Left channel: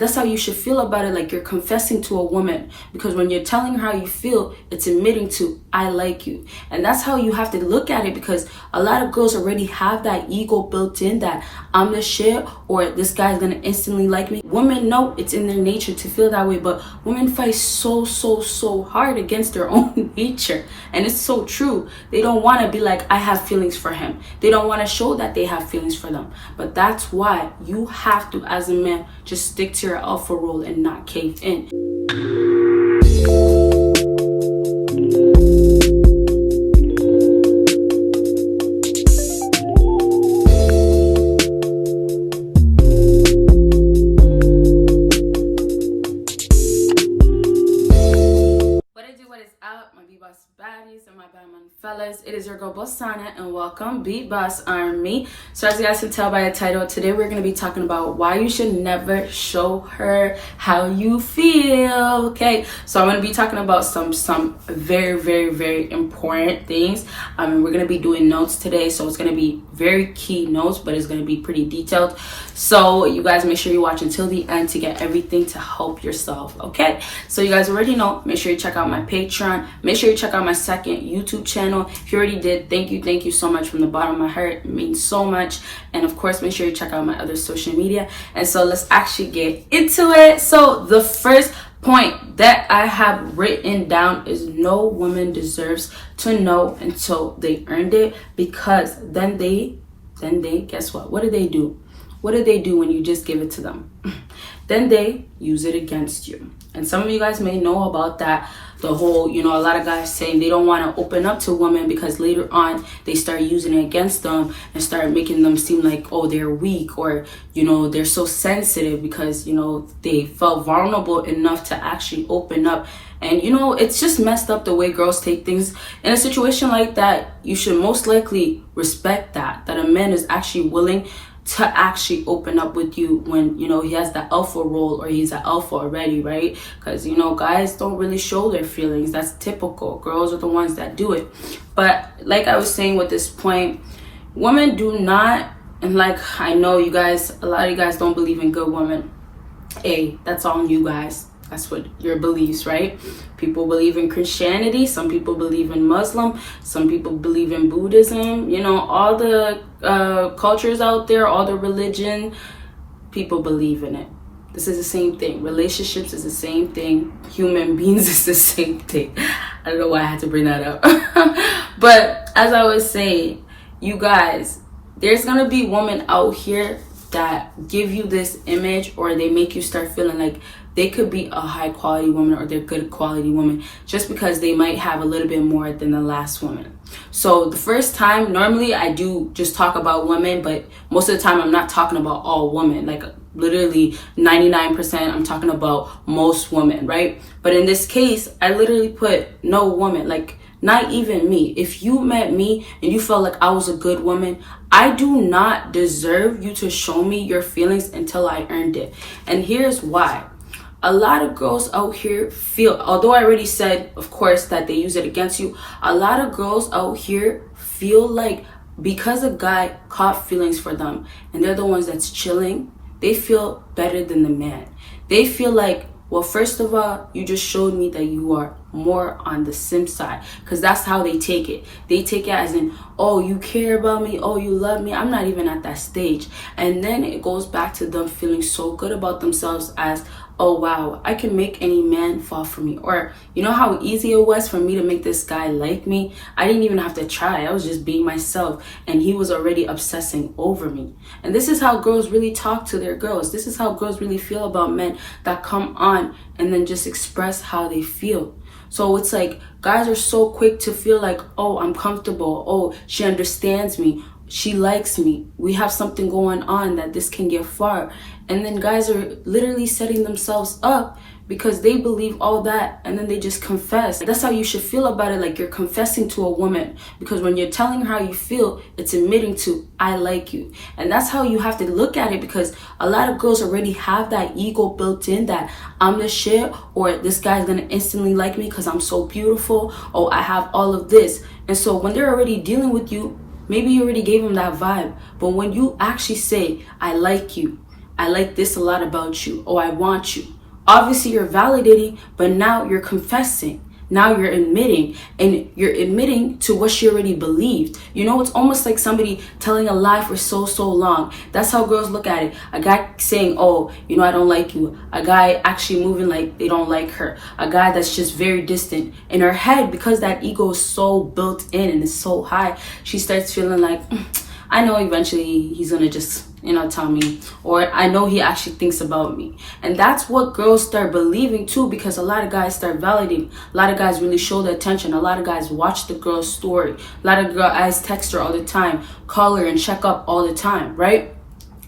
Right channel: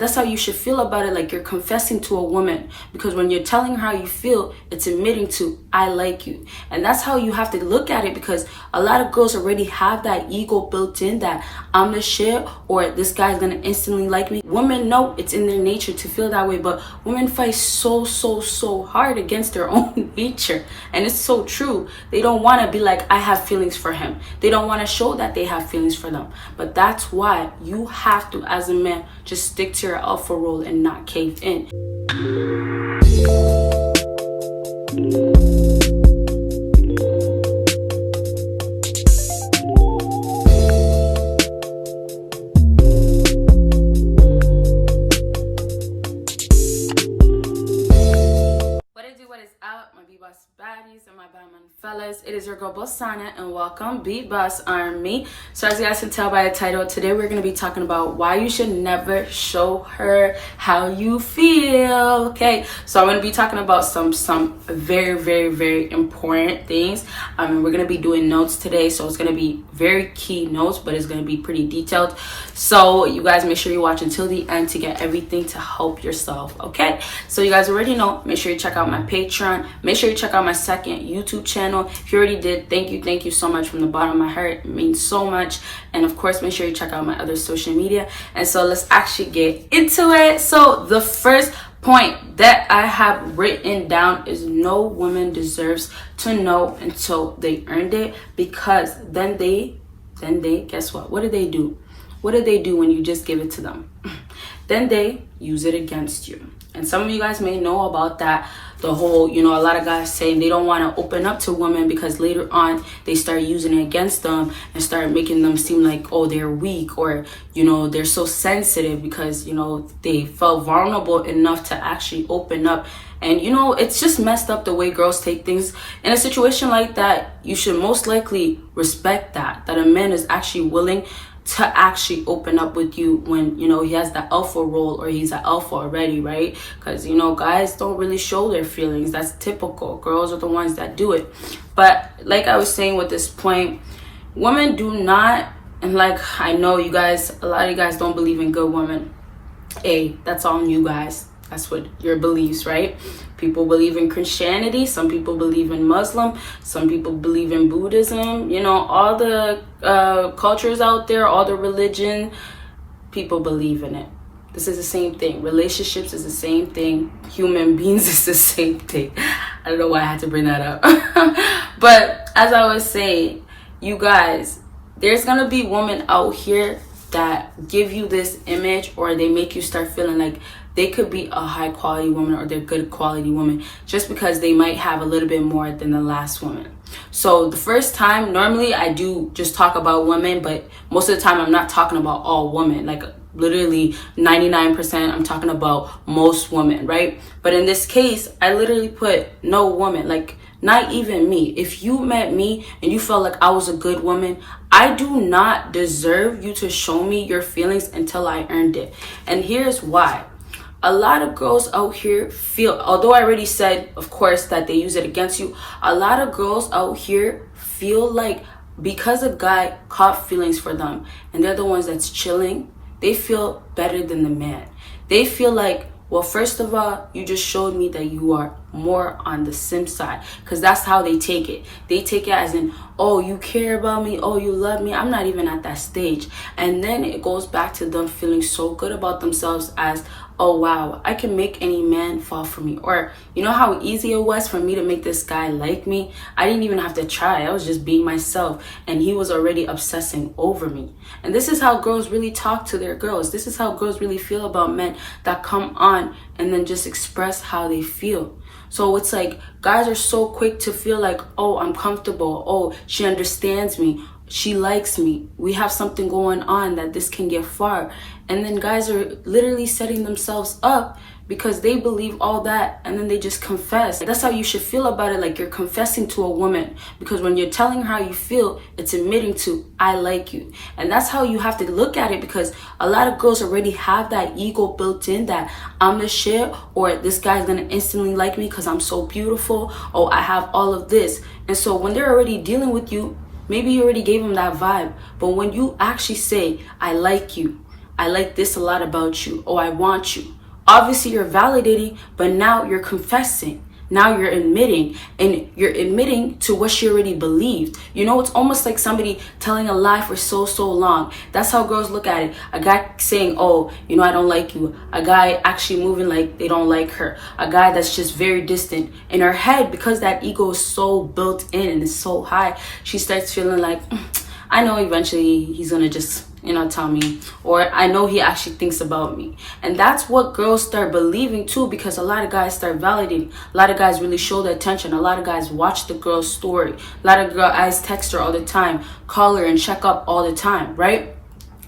That's how you should feel about it, like you're confessing to a woman. Because when you're telling her how you feel, it's admitting to, I like you. And that's how you have to look at it, because a lot of girls already have that ego built in, that I'm the shit, or this guy's gonna instantly like me. Women know it's in their nature to feel that way, but women fight so hard against their own nature. And it's so true. They don't want to be like, I have feelings for him. They don't want to show that they have feelings for them. But that's why you have to, as a man, just stick to your alpha role and not cave in. Baddies and my Batman fellas, it is your girl Bosana and welcome BBossArmy. So as you guys can tell by the title, today we're going to be talking about why you should never show her how you feel. Okay, so I'm going to be talking about some very important things. And we're going to be doing notes today, so it's going to be very key notes, but it's going to be pretty detailed. So you guys make sure you watch until the end to get everything to help yourself. Okay, so you guys already know, make sure you check out my Patreon, make sure you check out my second YouTube channel. If you already did, thank you so much from the bottom of my heart. It means so much. And of course, make sure you check out my other social media. And so let's actually get into it. So the first point that I have written down is no woman deserves to know until they earned it, because then they guess what do they do? What do they do when you just give it to them? Then they use it against you. And some of you guys may know about that. The whole, a lot of guys saying they don't want to open up to women because later on they start using it against them and start making them seem like, oh, they're weak, or, they're so sensitive because, they felt vulnerable enough to actually open up. And, it's just messed up the way girls take things. In a situation like that, you should most likely respect that a man is actually willing to actually open up with you when, he has the alpha role or he's an alpha already, right? Because, guys don't really show their feelings. That's typical. Girls are the ones that do it. But like I was saying with this point, women do not, and like I know you guys, a lot of you guys don't believe in good women. Hey, that's on you guys. That's what your beliefs, right? People believe in Christianity. Some people believe in Muslim. Some people believe in Buddhism. All the cultures out there, all the religion, people believe in it. This is the same thing. Relationships is the same thing. Human beings is the same thing. I don't know why I had to bring that up. But as I was saying, you guys, there's going to be women out here that give you this image, or they make you start feeling like they could be a high quality woman or they're good quality woman just because they might have a little bit more than the last woman. So the first time, normally I do just talk about women, but most of the time I'm not talking about all women. Like literally 99% I'm talking about most women, right? But in this case, I literally put no woman, like not even me. If you met me and you felt like I was a good woman, I do not deserve you to show me your feelings until I earned it. And here's why. A lot of girls out here feel, although I already said, of course, that they use it against you, a lot of girls out here feel like because a guy caught feelings for them and they're the ones that's chilling, they feel better than the man. They feel like, well, first of all, you just showed me that you are more on the simp side, because that's how they take it. They take it as in, oh, you care about me, oh, you love me. I'm not even at that stage. And then it goes back to them feeling so good about themselves as, oh wow, I can make any man fall for me. Or you know how easy it was for me to make this guy like me? I didn't even have to try. I was just being myself and he was already obsessing over me. And this is how girls really talk to their girls. This is how girls really feel about men that come on and then just express how they feel. So it's like guys are so quick to feel like, oh, I'm comfortable. Oh, she understands me. She likes me. We have something going on that this can get far. And then guys are literally setting themselves up because they believe all that and then they just confess. That's how you should feel about it, like you're confessing to a woman, because when you're telling her how you feel, it's admitting to, I like you. And that's how you have to look at it, because a lot of girls already have that ego built in that I'm the shit, or this guy's gonna instantly like me because I'm so beautiful, or I have all of this. And so when they're already dealing with you, maybe you already gave them that vibe, but when you actually say, I like you, I like this a lot about you. Oh, I want you. Obviously, you're validating, but now you're confessing. Now you're admitting, and you're admitting to what she already believed. You know, it's almost like somebody telling a lie for so long. That's how girls look at it. A guy saying, oh, you know, I don't like you. A guy actually moving like they don't like her. A guy that's just very distant. In her head, because that ego is so built in and is so high, she starts feeling like, I know eventually he's gonna just, you know, tell me, or I know he actually thinks about me. And that's what girls start believing too, because a lot of guys start validating. A lot of guys really show the attention. A lot of guys watch the girl's story. A lot of guys text her all the time, call her and check up all the time, right?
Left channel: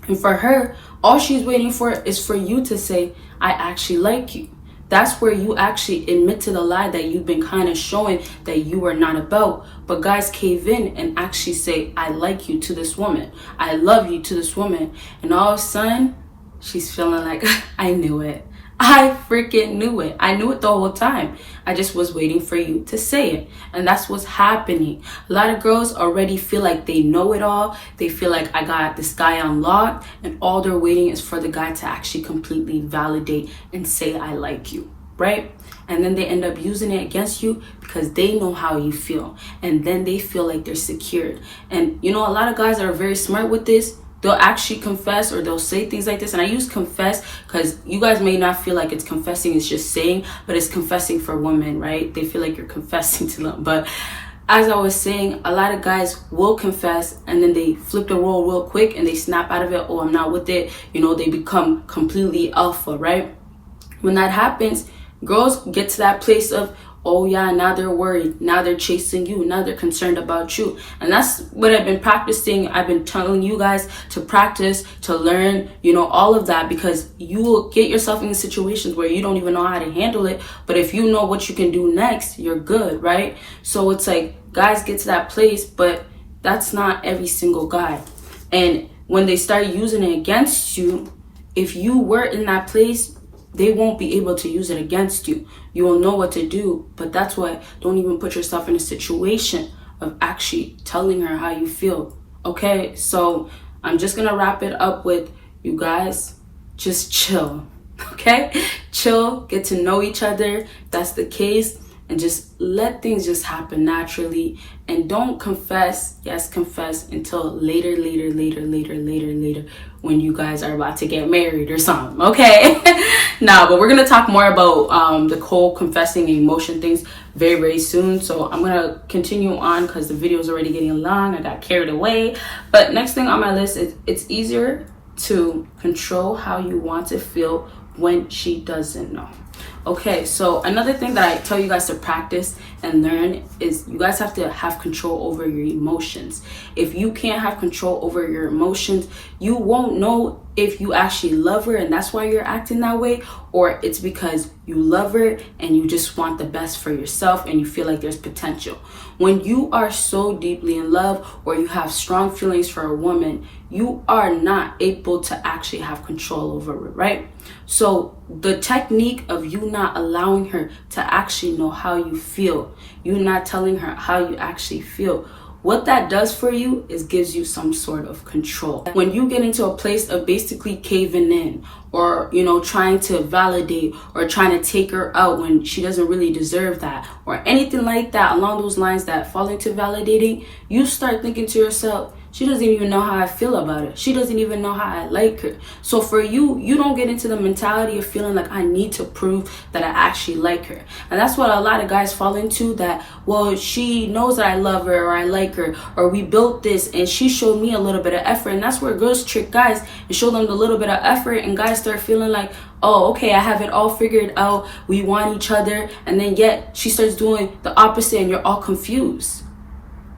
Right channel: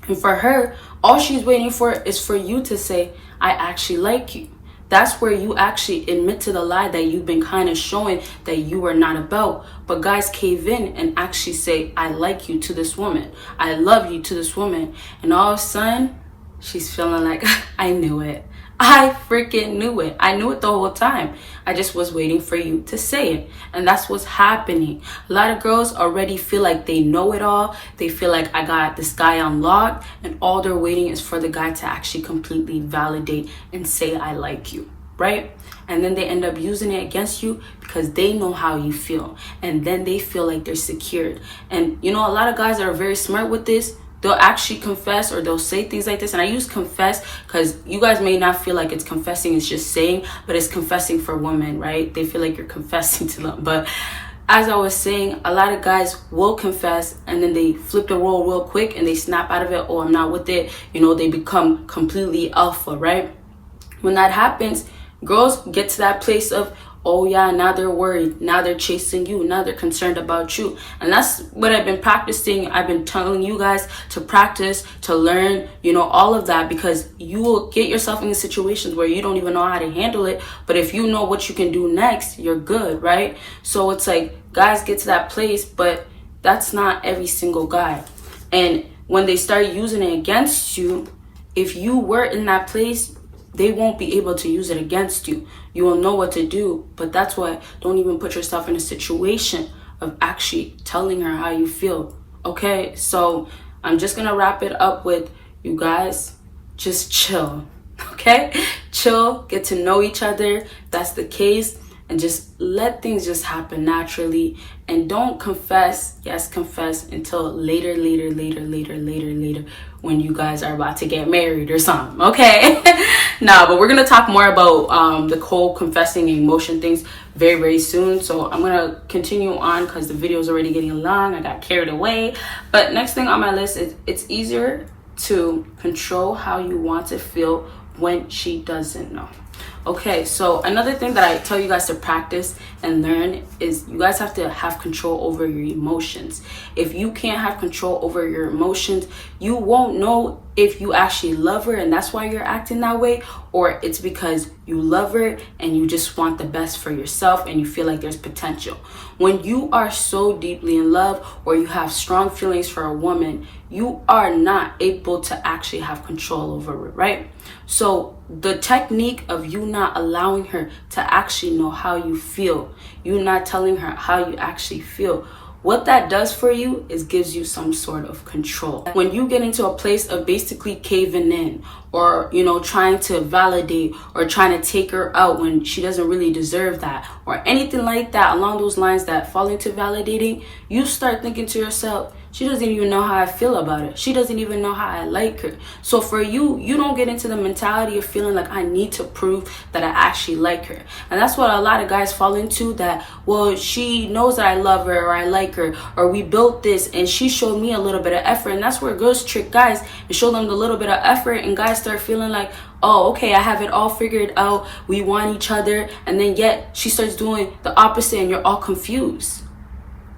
And for her, all she's waiting for is for you to say, I actually like you. That's where you actually admit to the lie that you've been kind of showing that you are not about. But guys cave in and actually say, I like you to this woman. I love you to this woman. And all of a sudden, she's feeling like, I knew it. I freaking knew it. I knew it the whole time. I just was waiting for you to say it. And that's what's happening. A lot of girls already feel like they know it all. They feel like I got this guy on lock, and all they're waiting is for the guy to actually completely validate and say, I like you, right? And then they end up using it against you because they know how you feel. And then they feel like they're secured. And you know, a lot of guys are very smart with this. They'll actually confess, or they'll say things like this. And I use confess because you guys may not feel like it's confessing, it's just saying, but it's confessing for women, right? They feel like you're confessing to them. But as I was saying, a lot of guys will confess and then they flip the role real quick and they snap out of it. Oh, I'm not with it. You know, they become completely alpha, right? When that happens, girls get to that place of, oh yeah, now they're worried. Now they're chasing you. Now they're concerned about you. And that's what I've been practicing. I've been telling you guys to practice, to learn, you know, all of that, because you will get yourself in situations where you don't even know how to handle it. But if you know what you can do next, you're good, right? So it's like guys get to that place, but that's not every single guy. And when they start using it against you, if you were in that place, they won't be able to use it against you. You will know what to do, but that's why don't even put yourself in a situation of actually telling her how you feel. Okay, so I'm just gonna wrap it up with, you guys, just chill. Okay, chill, get to know each other. That's the case, and just let things just happen naturally. And don't confess, yes, confess until later, when you guys are about to get married or something, okay? No, but we're gonna talk more about the whole confessing and emotion things very soon. So I'm gonna continue on because the video is already getting long. I got carried away. But next thing on my list is, it's easier to control how you want to feel when she doesn't know. Okay, so another thing that I tell you guys to practice and learn is you guys have to have control over your emotions. If you can't have control over your emotions, you won't know if you actually love her and that's why you're acting that way, or it's because you love her and you just want the best for yourself and you feel like there's potential. When you are so deeply in love or you have strong feelings for a woman, you are not able to actually have control over it, right? So the technique of you not allowing her to actually know how you feel, you not telling her how you actually feel, what that does for you is gives you some sort of control. When you get into a place of basically caving in, or, you know, trying to validate or trying to take her out when she doesn't really deserve that, or anything like that along those lines that fall into validating, you start thinking to yourself, she doesn't even know how I feel about it. She doesn't even know how I like her. So for you, you don't get into the mentality of feeling like I need to prove that I actually like her. And that's what a lot of guys fall into, that, well, she knows that I love her or I like her, or we built this and she showed me a little bit of effort. And that's where girls trick guys and show them the little bit of effort, and guys start feeling like, oh, okay, I have it all figured out. We want each other. And then yet she starts doing the opposite and you're all confused.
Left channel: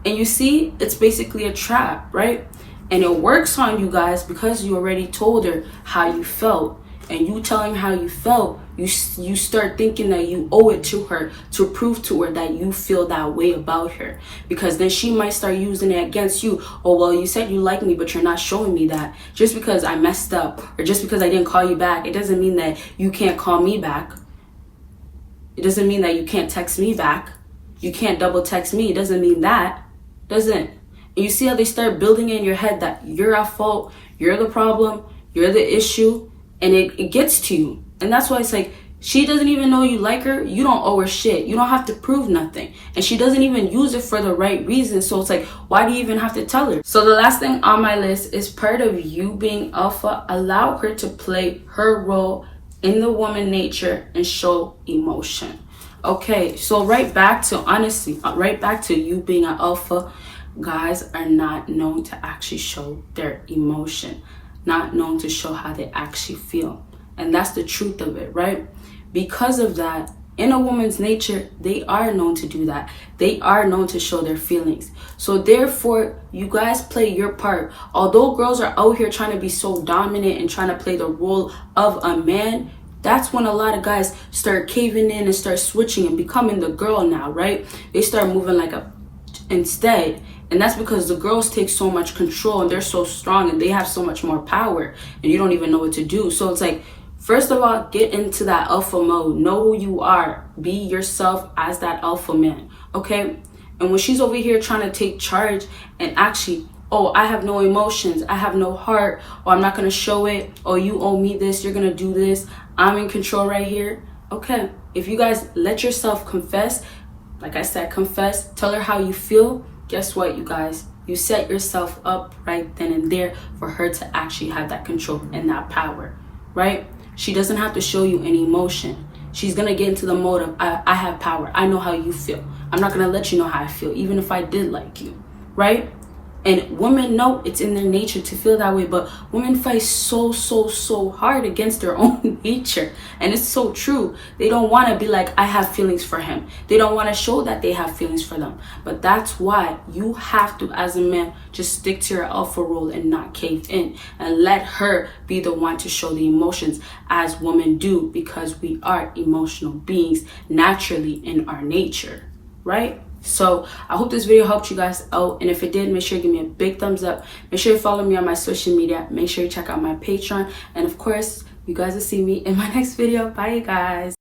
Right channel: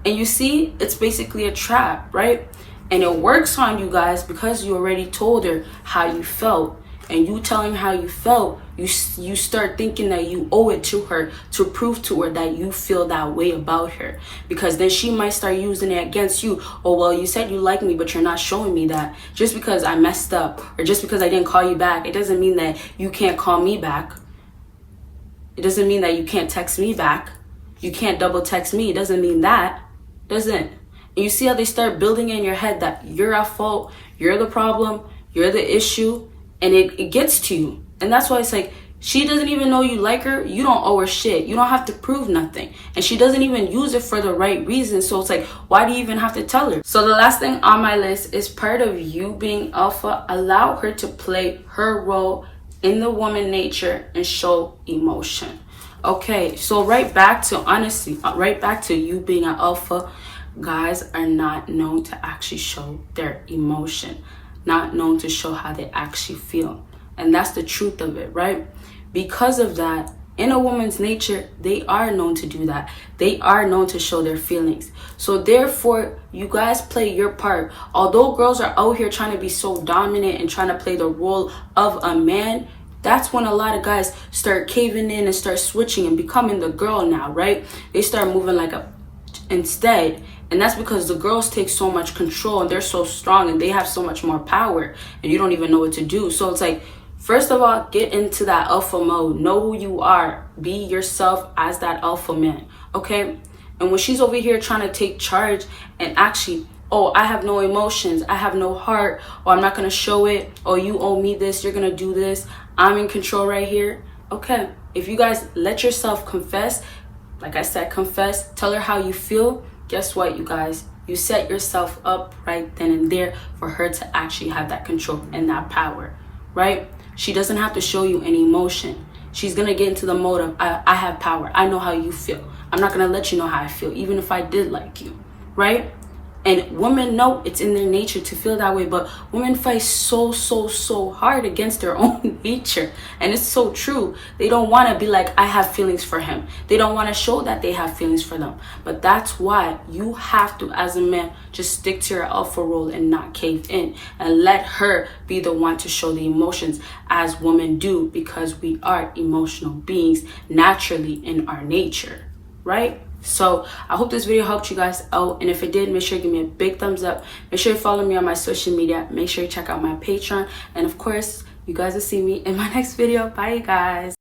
And you see, it's basically a trap, right? And it works on you guys because you already told her how you felt. And you telling how you felt, you start thinking that you owe it to her to prove to her that you feel that way about her. Because then she might start using it against you. Oh, well, you said you like me, but you're not showing me that. Just because I messed up or just because I didn't call you back, it doesn't mean that you can't call me back. It doesn't mean that you can't text me back. You can't double text me. It doesn't mean that. Doesn't. And you see how they start building in your head that you're at fault, you're the problem, You're the issue, and it gets to you. And that's why it's like, she doesn't even know you like her. You don't owe her shit. You don't have to prove nothing. And she doesn't even use it for the right reason. So it's like, why do you even have to tell her? So the last thing on my list is part of you being alpha. Allow her to play her role in the woman nature and show emotion. Okay, so right back to you being an alpha. Guys are not known to actually show their emotion, not known to show how they actually feel. And that's the truth of it, right? Because of that, in a woman's nature, they are known to do that. They are known to show their feelings. So therefore, you guys play your part. Although girls are out here trying to be so dominant and trying to play the role of a man, that's when a lot of guys start caving in and start switching and becoming the girl now, right? They start moving like a instead. And that's because the girls take so much control and they're so strong and they have so much more power and you don't even know what to do. So it's like, first of all, get into that alpha mode. Know who you are. Be yourself as that alpha man, okay? And when she's over here trying to take charge and actually, oh, I have no emotions, I have no heart, or I'm not going to show it, or you owe me this, you're going to do this, I'm in control right here. Okay, if you guys let yourself confess, like I said, confess, tell her how you feel, guess what, you guys? You set yourself up right then and there for her to actually have that control and that power, right? She doesn't have to show you any emotion. She's going to get into the mode of, I have power. I know how you feel. I'm not going to let you know how I feel, even if I did like you, right? And women know it's in their nature to feel that way, but women fight so hard against their own nature. And it's so true. They don't want to be like, I have feelings for him. They don't want to show that they have feelings for them. But that's why you have to, as a man, just stick to your alpha role and not cave in. And let her be the one to show the emotions as women do, because we are emotional beings naturally in our nature, right? So I hope this video helped you guys out, and if it did, make sure you give me a big thumbs up. Make sure you follow me on my social media. Make sure you check out my Patreon, and of course you guys will see me in my next video. Bye, you guys.